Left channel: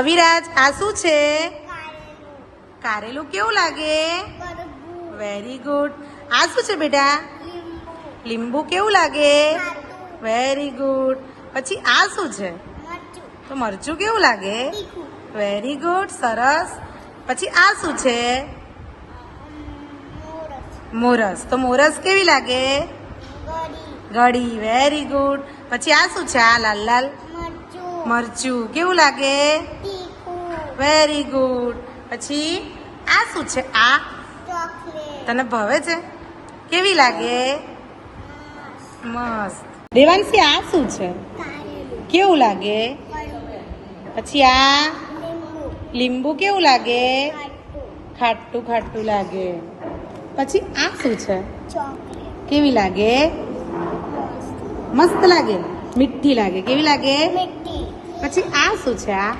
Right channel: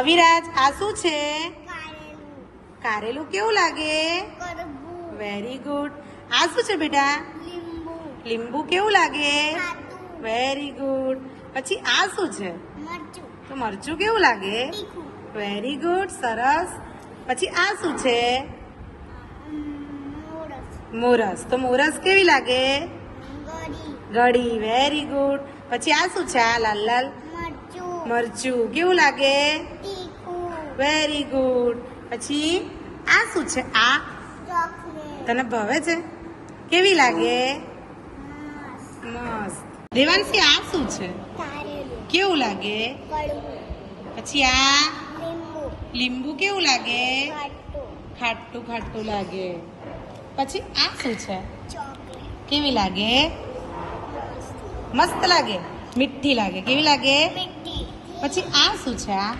અવિરાજ આ શું છે? કારેલું કેવું લાગે? Very good. આ શું છે બેટા? લીંબુ કેવું લાગે? Very good. પછી આ શું છે? તો મરચું કેવું લાગે? વેરી ગુડ, સરસ. પછી આ શું છે? મોરસ. તો મોરસ કેવી લાગે? ગળી. Very good. પછી આ શું છે? આ લાલ લાલ મરચું કેવું લાગે? Very good. પછી આ શું છે? આ તને ભાવે છે? કેવી લાગે? મસ્ત. દેવાંશી આ શું છે? કેવું લાગે? પછી આ લીંબુ કેવું લાગે? ખાટું ખાટું લાગે. પછી આ શું છે? કેવી લાગે? મસ્ત લાગે. મીઠી લાગે. કેવી લાગે? પછી આ શું છે? આ